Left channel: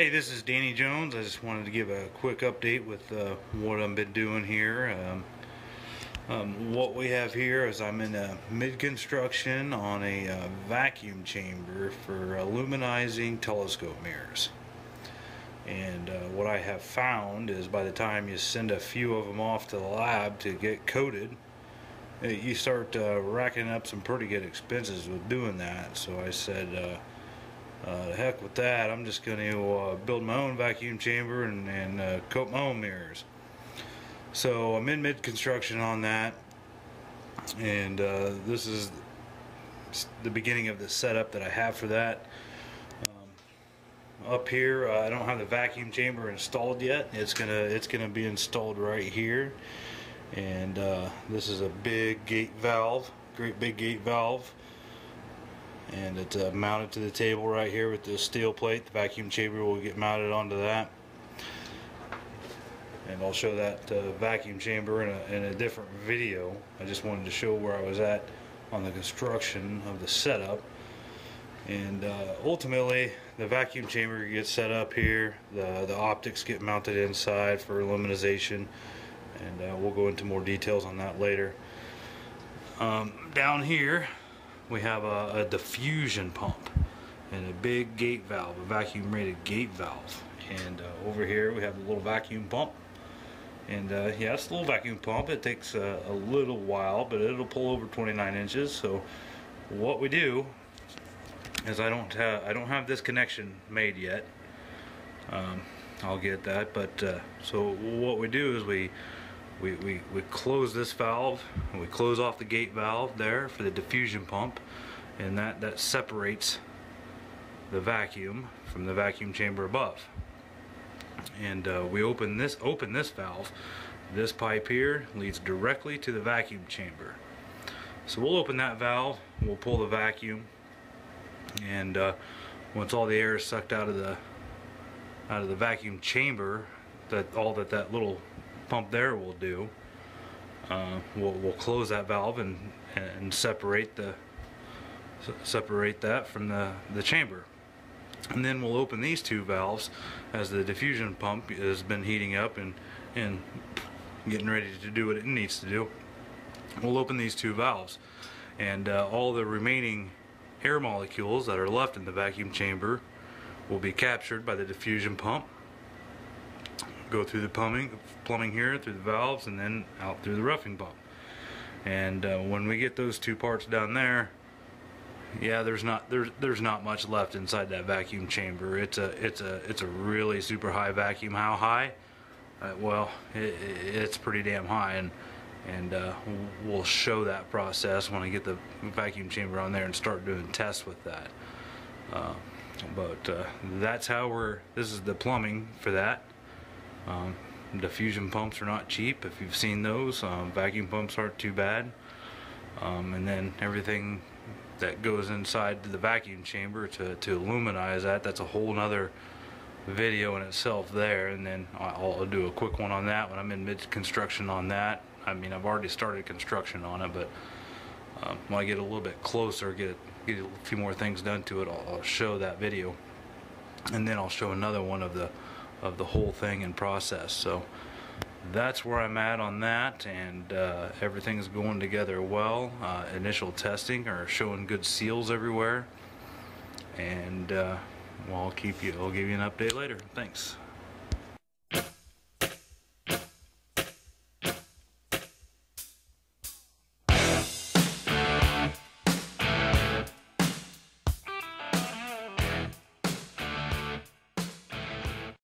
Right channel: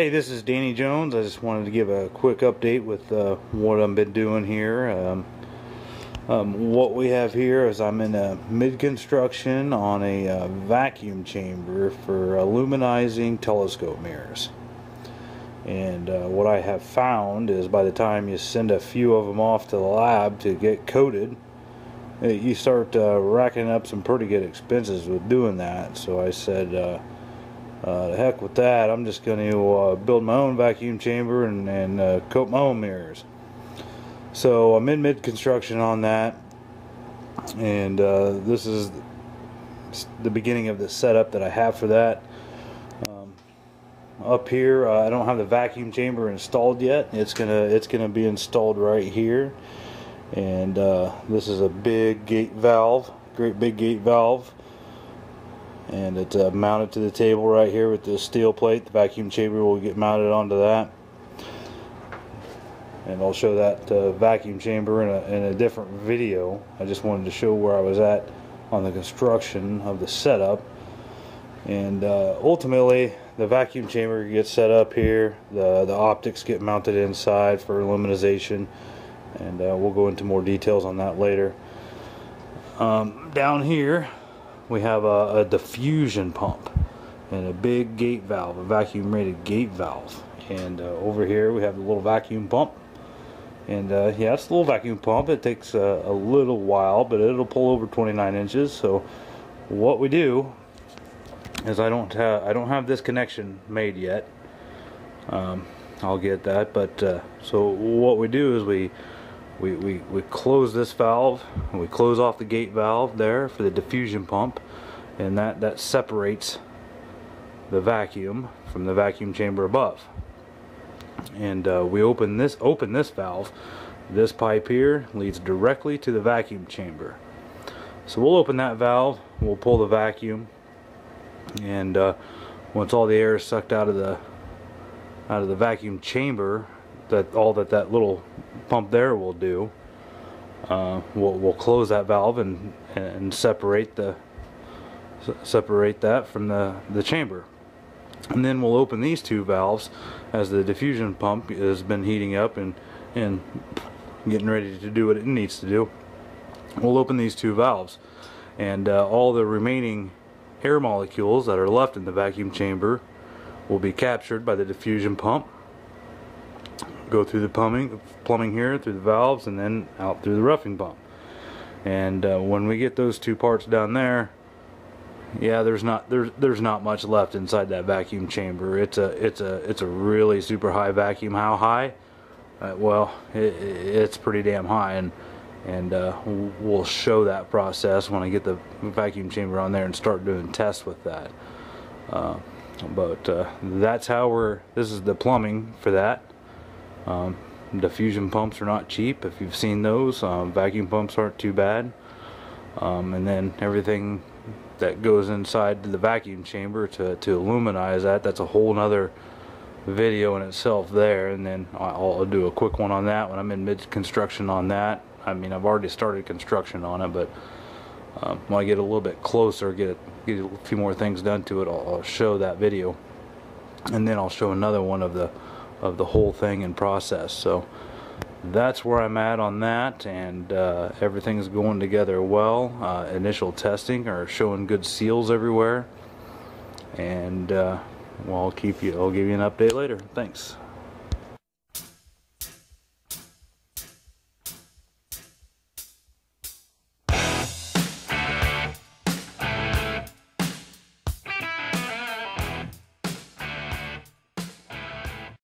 Hey, this is Danny Jones. I just wanted to give a quick update with what I've been doing here. What we have here is I'm in a mid-construction on a vacuum chamber for aluminizing telescope mirrors. And what I have found is by the time you send a few of them off to the lab to get coated, you start racking up some pretty good expenses with doing that. So I said, heck with that, I'm just going to build my own vacuum chamber and coat my own mirrors. So I'm in mid-construction on that, and this is the beginning of the setup that I have for that. Up here, I don't have the vacuum chamber installed yet. It's gonna be installed right here, and this is a big gate valve, great big gate valve. And it's mounted to the table right here with the steel plate. The vacuum chamber will get mounted onto that, and I'll show that vacuum chamber in a different video. I just wanted to show where I was at on the construction of the setup. And ultimately, the vacuum chamber gets set up here. The optics get mounted inside for luminization, and we'll go into more details on that later. Down here we have a diffusion pump and a big gate valve, a vacuum rated gate valve. And over here we have the little vacuum pump. And yeah, it's a little vacuum pump. It takes a little while, but it'll pull over 29 inches. So what we do is I don't have this connection made yet. I'll get that, but so what we do is we close this valve, and we close off the gate valve there for the diffusion pump, and that separates the vacuum from the vacuum chamber above. And we open this valve. This pipe here leads directly to the vacuum chamber. So we'll open that valve, we'll pull the vacuum, and once all the air is sucked out of the vacuum chamber, that little pump there will do, we'll close that valve and separate that from the chamber. And then we'll open these two valves as the diffusion pump has been heating up and getting ready to do what it needs to do. We'll open these two valves, and all the remaining air molecules that are left in the vacuum chamber will be captured by the diffusion pump, go through the plumbing here, through the valves, and then out through the roughing pump. And when we get those two parts down there, yeah, there's not much left inside that vacuum chamber. It's a really super high vacuum. How high? Well, it's pretty damn high, and we'll show that process when I get the vacuum chamber on there and start doing tests with that. But that's how this is the plumbing for that. Diffusion pumps are not cheap. If you've seen those, vacuum pumps aren't too bad. And then everything that goes inside the vacuum chamber to illuminize that's a whole nother video in itself there. And then I'll do a quick one on that when I'm in mid-construction on that. I mean, I've already started construction on it, but when I get a little bit closer, get a few more things done to it, I'll show that video, and then I'll show another one of the whole thing in process. So that's where I'm at on that, and everything's going together well. Initial testing are showing good seals everywhere, and well, I'll give you an update later. Thanks.